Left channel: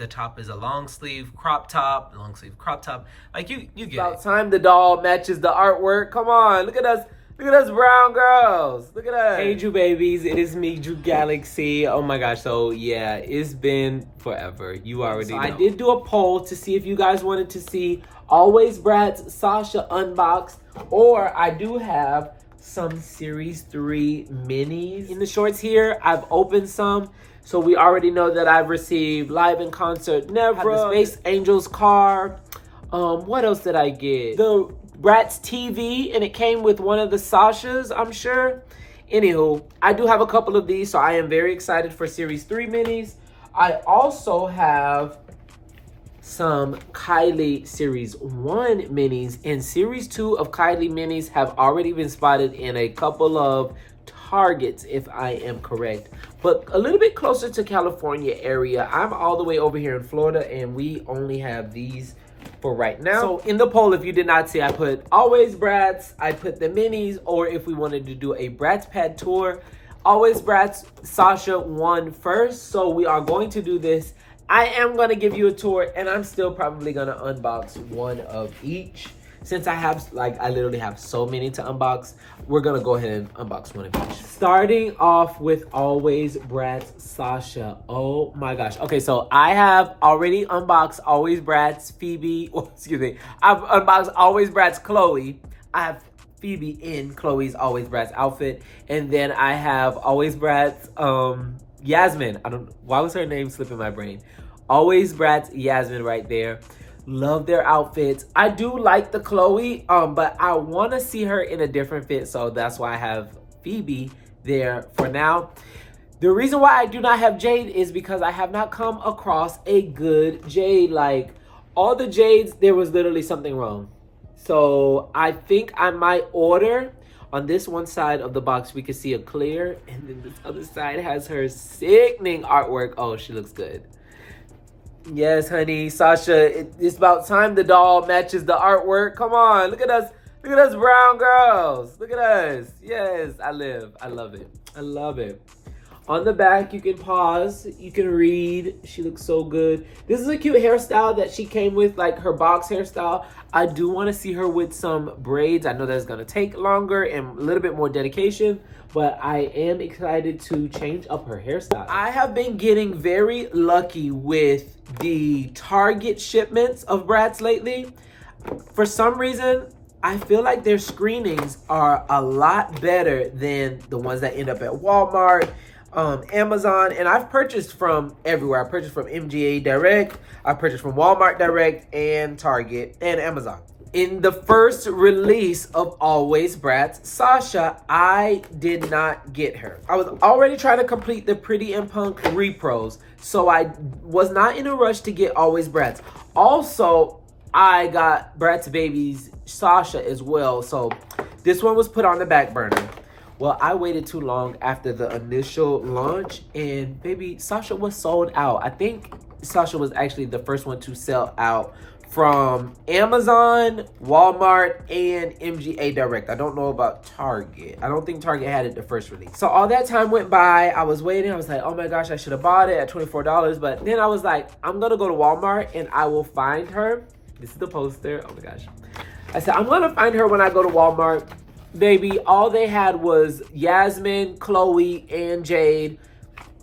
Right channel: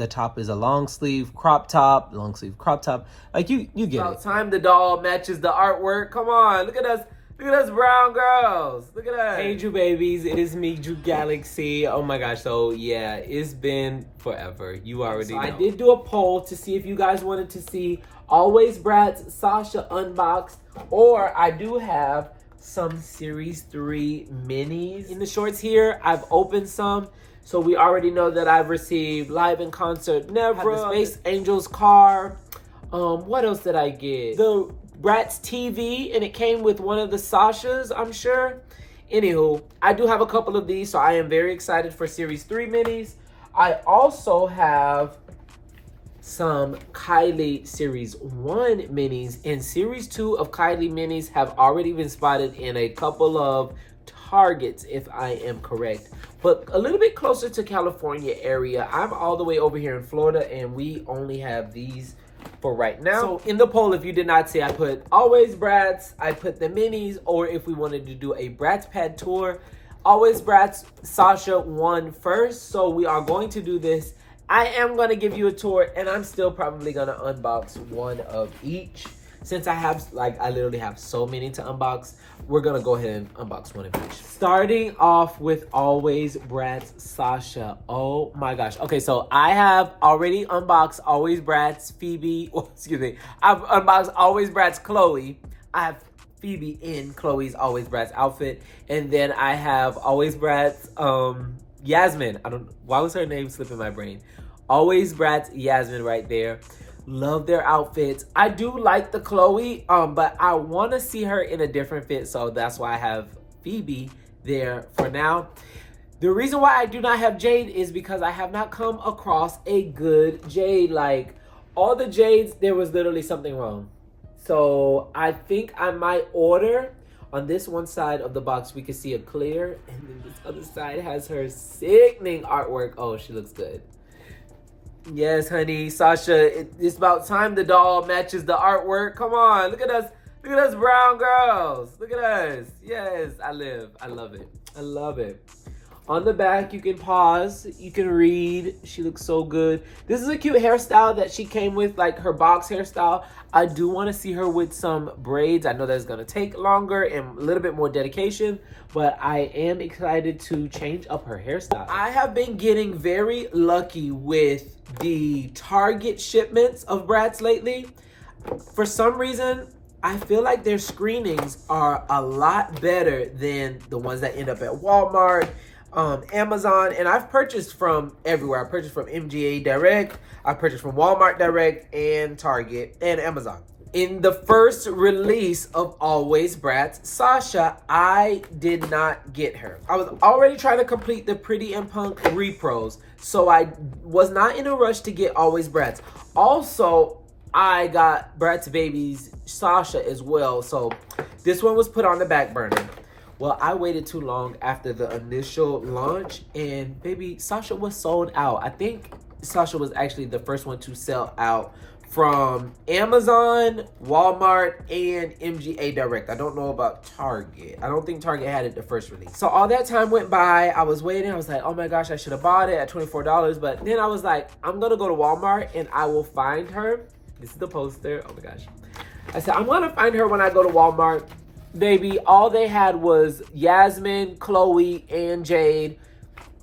The top is a long sleeve crop top. Like you get About it. time the doll matches the artwork. Come on, look at us. Look at us brown girls. Look at us. Hey, Drew babies. It is me, Drew Galaxy. Oh my gosh. So yeah, it's been forever. You already know. I did do a poll to see if you guys wanted to see Alwayz Bratz Sasha unboxed, or I do have some Series 3 minis in the shorts here. I've opened some, so we already know that I've received Live in Concert Never, the Space Angels car. What else did I get? The Bratz TV, and it came with one of the Sashas, I'm sure. Anywho, I do have a couple of these, so I am very excited for Series 3 minis. I also have some Kylie Series 1 minis, and Series 2 of Kylie minis have already been spotted in a couple of Targets, if I am correct, but a little bit closer to California area. I'm all the way over here in Florida, and we only have these for right now. So in the poll, if you did not see, I put Alwayz Bratz, I put the minis, or if we wanted to do a Bratz pad tour. Alwayz Bratz Sasha won first, so we are going to do this. I am going to give you a tour, and I'm still probably going to unbox one of each. Since I have, I literally have so many to unbox, we're going to go ahead and unbox one of each. Starting off with Alwayz Bratz Sasha. Oh my gosh. Okay, so I have already unboxed Alwayz Bratz Phoebe. Oh, excuse me. I've unboxed Alwayz Bratz Chloe. I have Phoebe in Chloe's Alwayz Bratz outfit. And then I have Alwayz Bratz Yasmin. Why was her name slipping my brain? Alwayz Bratz Yasmin right there. Love their outfits. I do like the Chloe, but I want to see her in a different fit, so that's why I have Phoebe there for now. The reason why I do not have Jade is because I have not come across a good Jade. Like, all the Jades, there was literally something wrong. So I think I might order. On this one side of the box, we can see a clear, and then this other side has her sickening artwork. Oh, she looks good. Yes, honey, Sasha, it's about time the doll matches the artwork. Come on, look at us. Look at us brown girls. Look at us. Yes, I love it. I love it. On the back, you can pause. You can read. She looks so good. This is a cute hairstyle that she came with, like her box hairstyle. I do want to see her with some braids. I know that's going to take longer and a little bit more dedication, but I am excited to change up her hairstyle. I have been getting very lucky with the Target shipments of Bratz lately. For some reason, I feel like their screenings are a lot better than the ones that end up at Walmart, Amazon, and I've purchased from everywhere. I purchased from MGA Direct, I purchased from Walmart Direct, and Target, and Amazon. In the first release of Alwayz Bratz Sasha, I did not get her. I was already trying to complete the Pretty and Punk repros, so I was not in a rush to get Alwayz Bratz. Also, I got Bratz Baby's Sasha as well, so this one was put on the back burner. Well, I waited too long after the initial launch, and baby, Sasha was sold out. I think Sasha was actually the first one to sell out from Amazon, Walmart, and MGA Direct. I don't know about Target. I don't think Target had it the first release. So all that time went by. I was waiting. I was like, oh my gosh, I should have bought it at $24. But then I was like, I'm going to go to Walmart and I will find her. This is the poster. Oh my gosh. I said, I'm going to find her when I go to Walmart. Baby, all they had was Yasmin, Chloe, and Jade.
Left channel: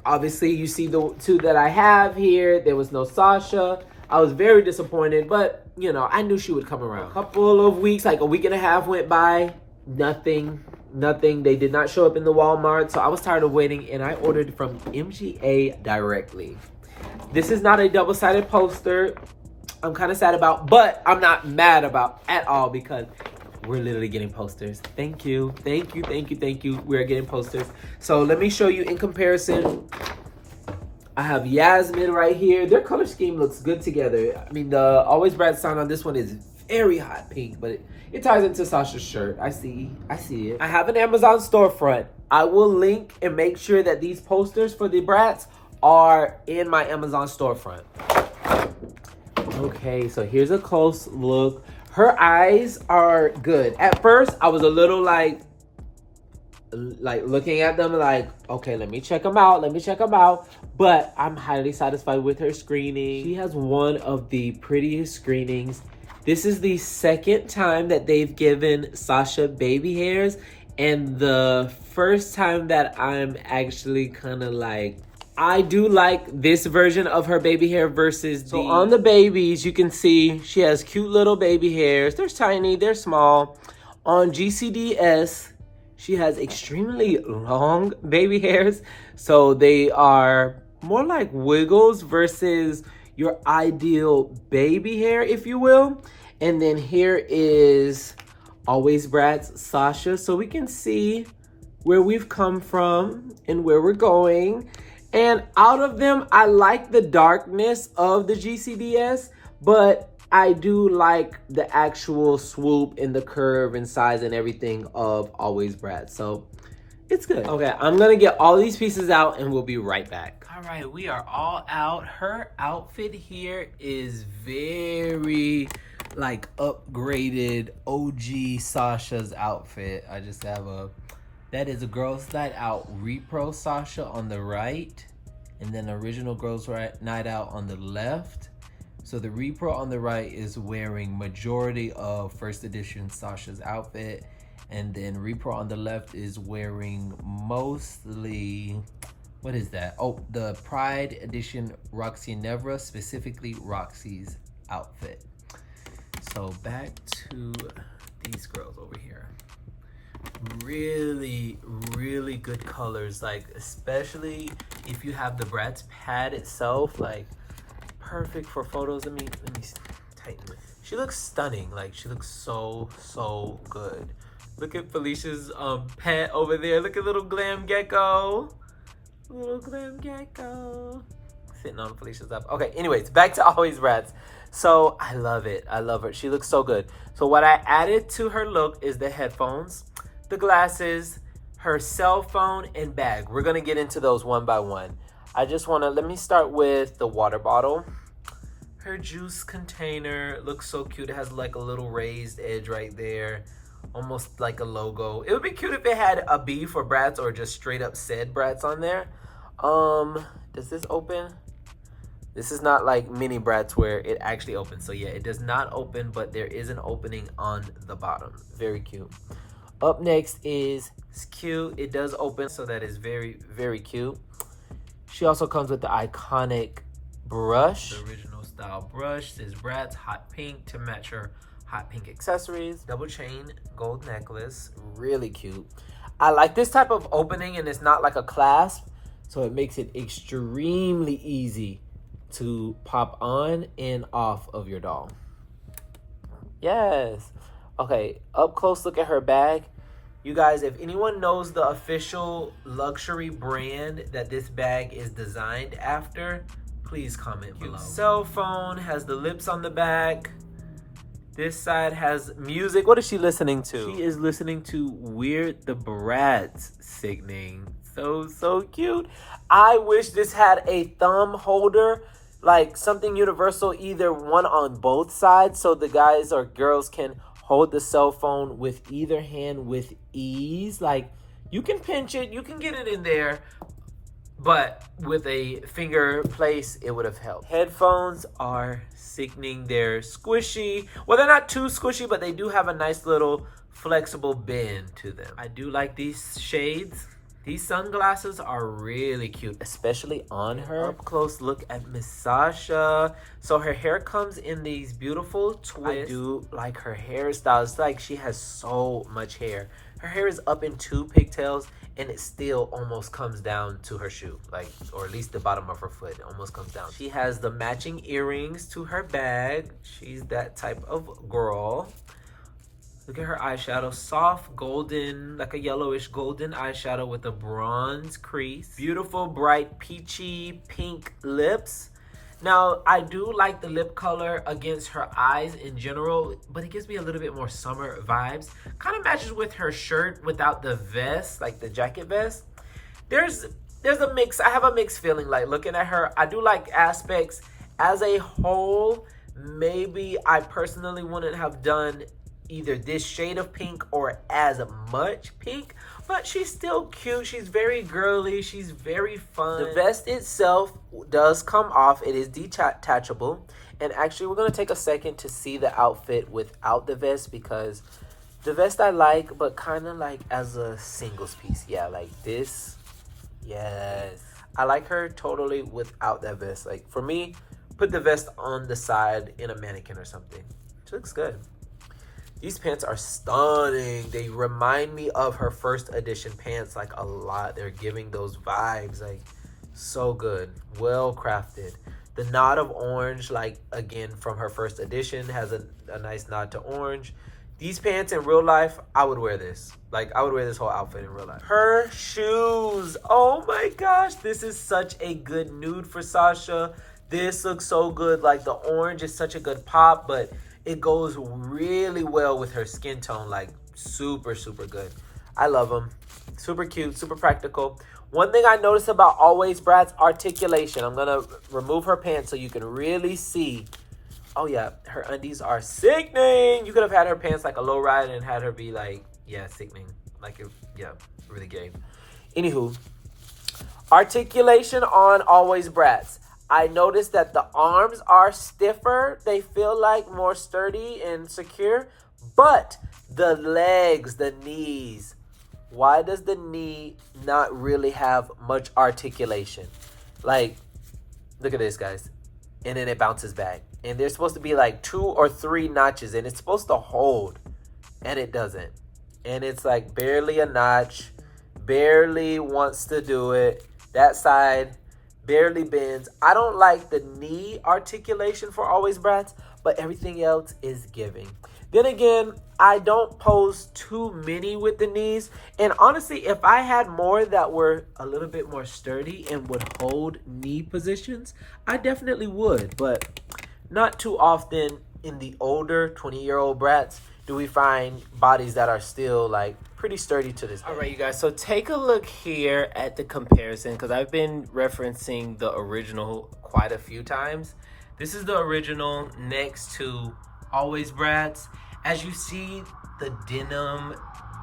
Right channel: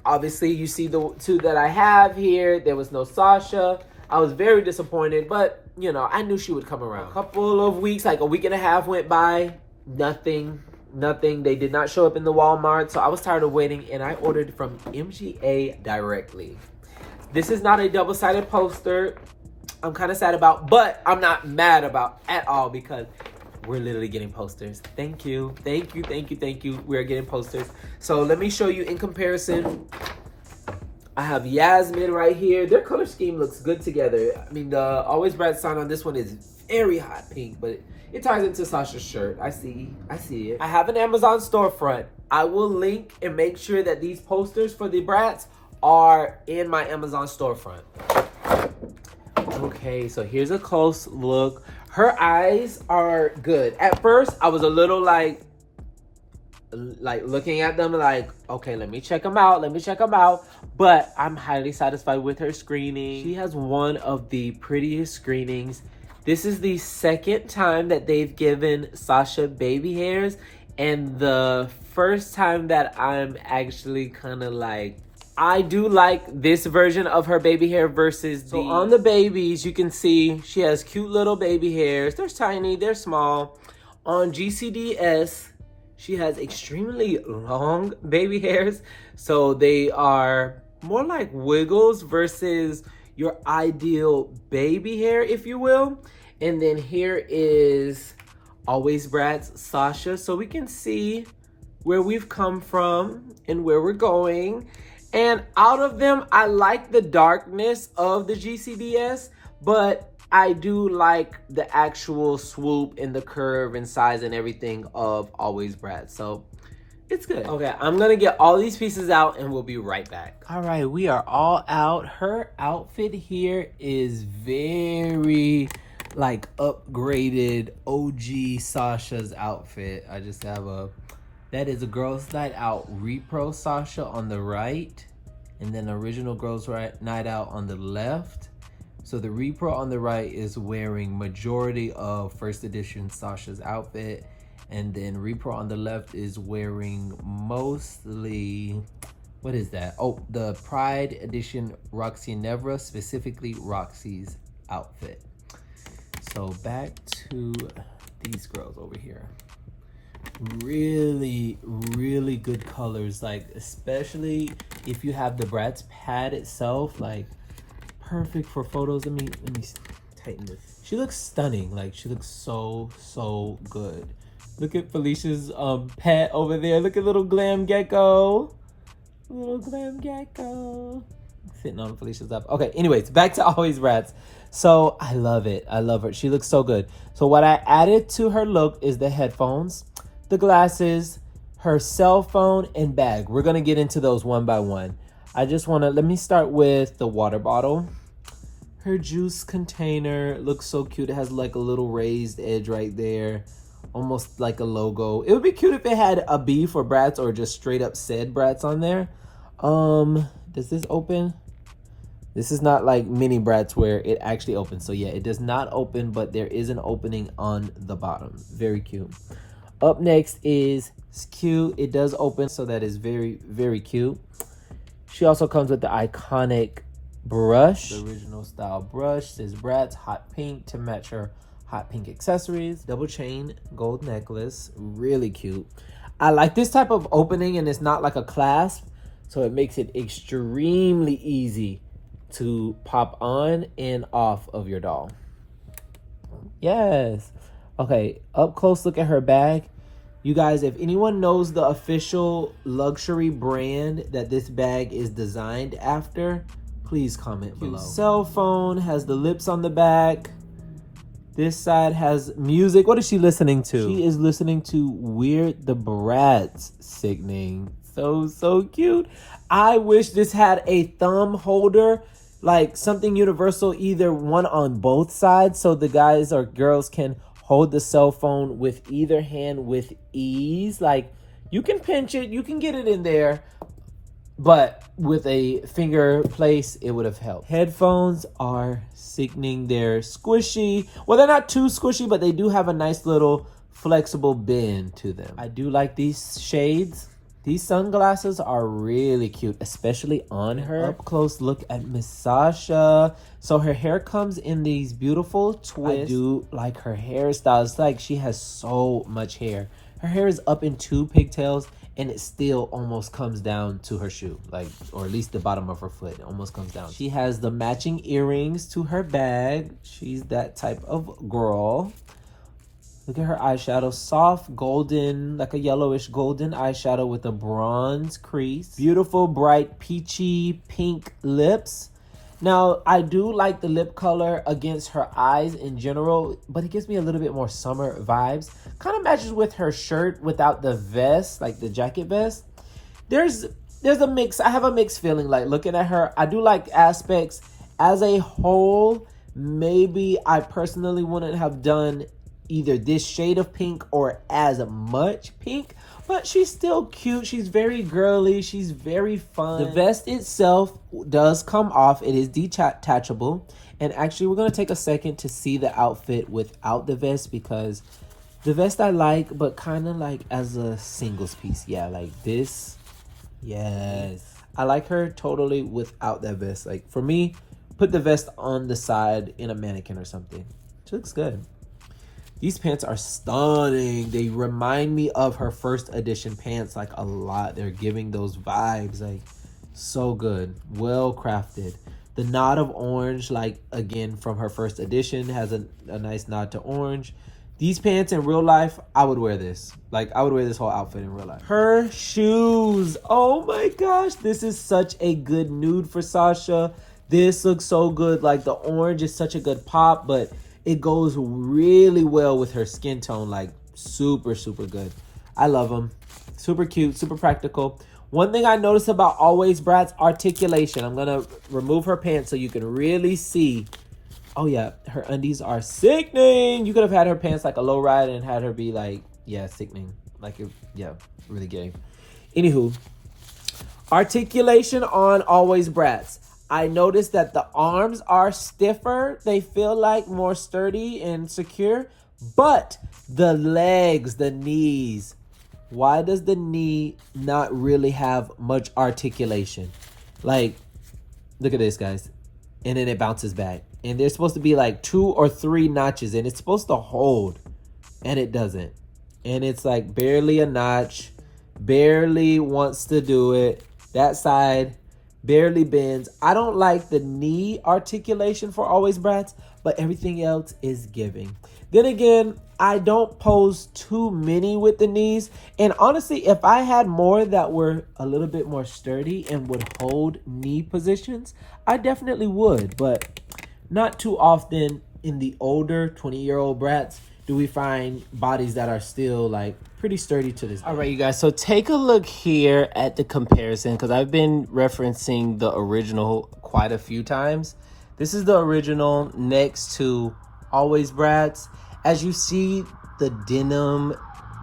Obviously, you see the two that I have here. There was no Sasha. I was very disappointed, but, you know, I knew she would come around. A couple of weeks, like a week and a half went by. Nothing. They did not show up in the Walmart, so I was tired of waiting, and I ordered from MGA directly. This is not a double-sided poster. I'm kind of sad about, but I'm not mad about at all because we're literally getting posters. Thank you. We're getting posters. So let me show you in comparison. I have Yasmin right here. Their color scheme looks good together. I mean, the Alwayz Bratz sign on this one is very hot pink, but it ties into Sasha's shirt. I see it. I have an Amazon storefront. I will link and make sure that these posters for the Bratz are in my Amazon storefront. Okay, so here's a close look. Her eyes are good. At first, I was a little like, like looking at them like, okay, let me check them out. Let me check them out. But I'm highly satisfied with her screening. She has one of the prettiest screenings. This is the second time that they've given Sasha baby hairs, and the first time that I'm actually kind of like, I do like this version of her baby hair versus these. So on the babies, you can see she has cute little baby hairs. They're tiny, they're small. On GCDS, she has extremely long baby hairs. So they are more like wiggles versus your ideal baby hair, if you will. And then here is Alwayz Bratz Sasha. So we can see where we've come from and where we're going. And out of them, I like the darkness of the GCDS, but I do like the actual swoop and the curve and size and everything of Alwayz Bratz. So it's good. Okay, I'm gonna get all these pieces out and we'll be right back. All right, we are all out. Her outfit here is very like upgraded OG Sasha's outfit. I just have that is a Girls Night Out Repro Sasha on the right, and then original Girls Night Out on the left. So the Repro on the right is wearing majority of first edition Sasha's outfit, and then Repro on the left is wearing mostly, what is that? Oh, the Pride edition Roxy Nevra, specifically Roxy's outfit. So back to these girls over here. Really, really good colors, like especially if you have the Bratz pad itself, like perfect for photos. Let me tighten it. She looks stunning. Like she looks so good. Look at Felicia's pet over there. Look at little Glam Gecko. Little Glam Gecko. Sitting on Felicia's up. Okay, anyways, back to Alwayz Bratz. So I love it. I love her. She looks so good. So what I added to her look is the headphones, the glasses, her cell phone, and bag. We're gonna get into those one by one. I just wanna, let me start with the water bottle. Her juice container looks so cute. It has like a little raised edge right there, almost like a logo. It would be cute if it had a B for Bratz or just straight up said Bratz on there. Does this open? This is not like mini Bratz where it actually opens. So yeah, it does not open, but there is an opening on the bottom. Very cute. Up next is, it's cute. It does open, so that is very, very cute. She also comes with the iconic brush. The original style brush. Says Bratz hot pink to match her hot pink accessories. Double chain gold necklace. Really cute. I like this type of opening, and it's not like a clasp, so it makes it extremely easy to pop on and off of your doll. Yes. Okay, up close look at her bag. You guys, if anyone knows the official luxury brand that this bag is designed after, please comment below. Cell phone has the lips on the back. This side has music. What is she listening to? She is listening to Weird the Bratz singing. So cute. I wish this had a thumb holder, like something universal, either one on both sides, so the guys or girls can hold the cell phone with either hand with ease. Like you can pinch it, you can get it in there, but with a finger place, it would have helped. Headphones are sickening. They're squishy. Well, they're not too squishy, but they do have a nice little flexible bend to them. I do like these shades. These sunglasses are really cute, especially on her. Up close look at Miss Sasha. So her hair comes in these beautiful twists. I do like her hairstyle. It's like she has so much hair. Her hair is up in 2 pigtails, and it still almost comes down to her shoe, like, or at least the bottom of her foot. It almost comes down. She has the matching earrings to her bag. She's that type of girl. Look at her eyeshadow, soft golden, like a yellowish golden eyeshadow with a bronze crease. Beautiful, bright, peachy pink lips. Now, I do like the lip color against her eyes in general, but it gives me a little bit more summer vibes. Kind of matches with her shirt without the vest, like the jacket vest. There's a mix. I have a mixed feeling, like looking at her. I do like aspects. As a whole, maybe I personally wouldn't have done either this shade of pink or as much pink, but she's still cute. She's very girly. She's very fun. The vest itself does come off. It is detachable. And actually, we're going to take a second to see the outfit without the vest, because the vest I like, but kind of like as a singles piece. Yeah, like this. Yes. I like her totally without that vest. Like, for me, put the vest on the side in a mannequin or something. She looks good. These pants are stunning. They remind me of her first edition pants like a lot. They're giving those vibes, like so good, well crafted. The nod of orange, like again from her first edition, has a nice nod to orange. These pants in real life, I would wear this. Like, I would wear this whole outfit in real life. Her shoes, oh my gosh, this is such a good nude for Sasha. This looks so good. Like, the orange is such a good pop, but it goes really well with her skin tone. Like, super, super good. I love them. Super cute, super practical. One thing I noticed about Alwayz Bratz, articulation. I'm gonna remove her pants so you can really see. Oh yeah, her undies are sickening. You could have had her pants like a low ride and had her be like, yeah, sickening. Like, yeah, really gay. Anywho, articulation on Alwayz Bratz. I noticed that the arms are stiffer. They feel like more sturdy and secure, but the legs, the knees, why does the knee not really have much articulation? Like, look at this, guys. And then it bounces back. And there's supposed to be like 2 or 3 notches, and it's supposed to hold, and it doesn't. And it's like barely a notch, barely wants to do it. That side barely bends. I don't like the knee articulation for Alwayz Bratz, but everything else is giving. Then again, I don't pose too many with the knees. And honestly, if I had more that were a little bit more sturdy and would hold knee positions, I definitely would. But not too often in the older 20-year-old Bratz do we find bodies that are still like pretty sturdy to this day. All right, you guys, so take a look here at the comparison, because I've been referencing the original quite a few times. This is the original next to Alwayz Bratz. As you see, the denim,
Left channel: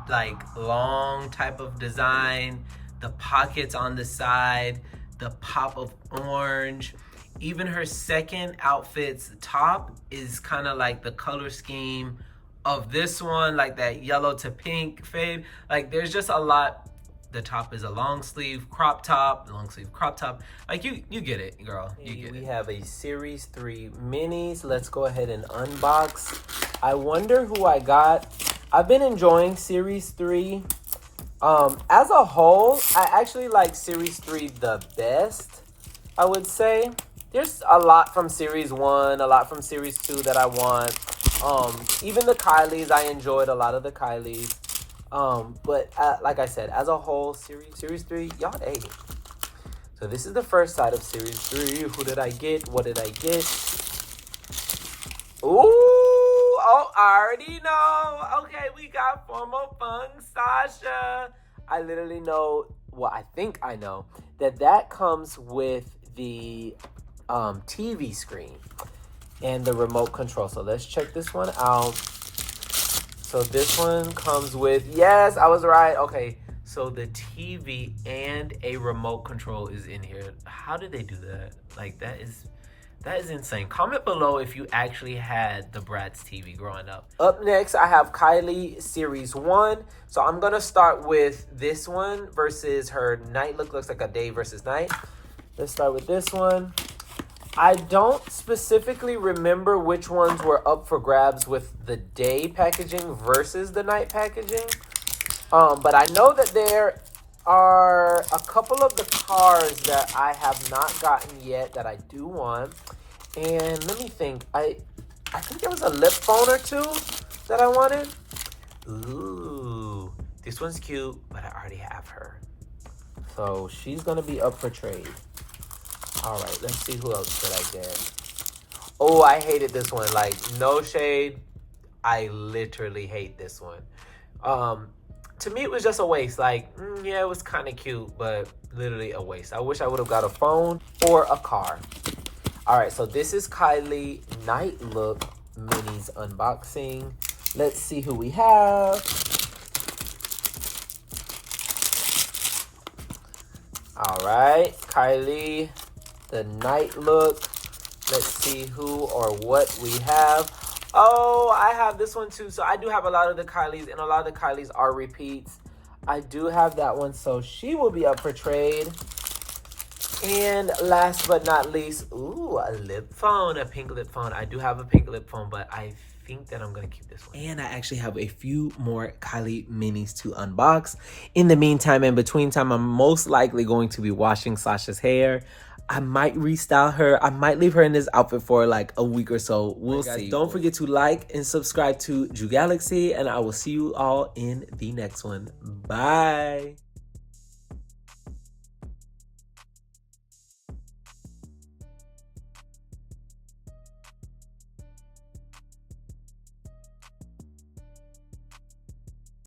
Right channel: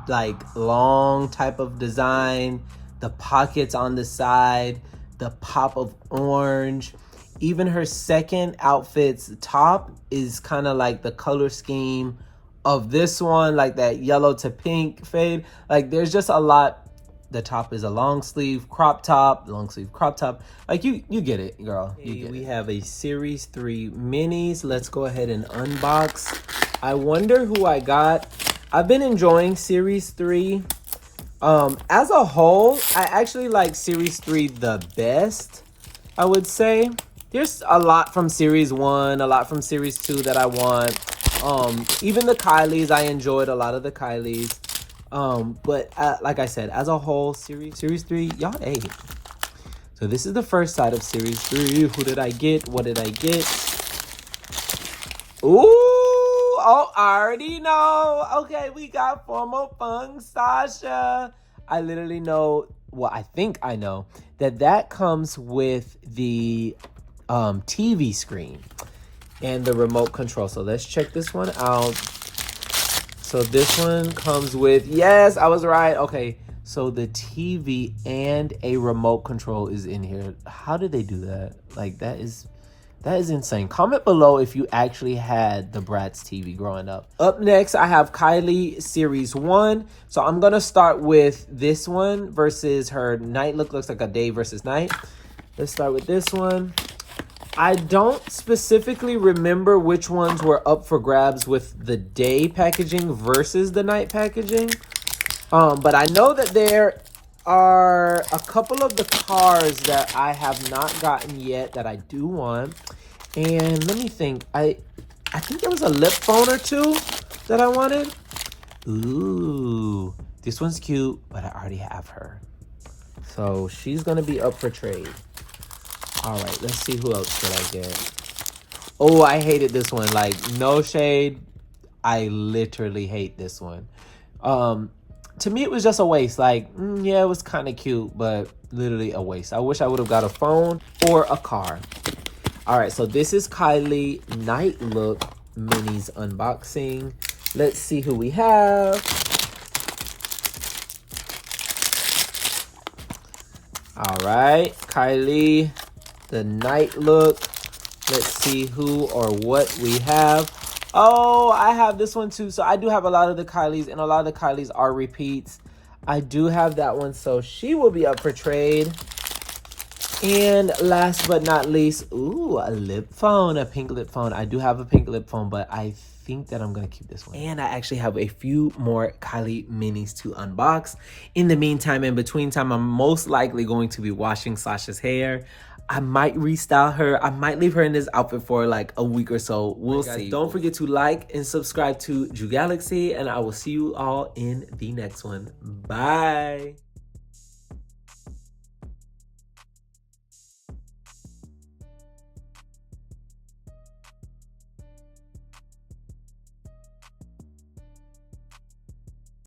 like long type of design, the pockets on the side, the pop of orange. Even her second outfit's top is kind of like the color scheme of this one, like that yellow to pink fade. Like, there's just a lot. The top is a long sleeve crop top, long sleeve crop top. Like, you get it, girl. You get it. We have a Series 3 minis. Let's go ahead and unbox. I wonder who I got. I've been enjoying Series 3. As a whole, I actually like Series 3 the best, I would say. There's a lot from Series 1, a lot from Series 2 that I want. Even the Kylies, I enjoyed a lot of the Kylies. But like I said, as a whole, Series 3, y'all ate. So this is the first side of Series 3. Who did I get? What did I get? Ooh, oh, I already know. Okay, we got Formal Fung Sasha. I literally know, well, I think I know that comes with the TV screen and the remote control. So let's check this one out. So this one comes with, yes, I was right. Okay, so the TV and a remote control is in here. How did they do that? Like, that is insane. Comment below if you actually had the Bratz TV growing up. Up next, I have Kylie Series 1. So I'm gonna start with this one versus her night look. Looks like a day versus night. Let's start with this one. I don't specifically remember which ones were up for grabs with the day packaging versus the night packaging. But I know that there are a couple of the cars that I have not gotten yet that I do want. And let me think. I think there was a lip phone or two that I wanted. Ooh, this one's cute, but I already have her. So she's gonna be up for trade. All right, let's see who else can I get. Oh, I hated this one. Like, no shade. I literally hate this one. To me, it was just a waste. Like, yeah, it was kind of cute, but literally a waste. I wish I would have got a phone or a car. All right, so this is Kylie Night Look Minis unboxing. Let's see who we have. All right, Kylie, the night look. Let's see who or what we have. Oh, I have this one too. So I do have a lot of the Kylies, and a lot of the Kylies are repeats. I do have that one, so she will be up for trade. And last but not least, ooh, a lip phone, a pink lip phone. I do have a pink lip phone, but I think that I'm gonna keep this one. And I actually have a few more Kylie minis to unbox. In the meantime, in between time, I'm most likely going to be washing Sasha's hair. I might restyle her. I might leave her in this outfit for like a week or so. We'll see. Don't forget to like and subscribe to Ju Galaxy, and I will see you all in the next one. Bye.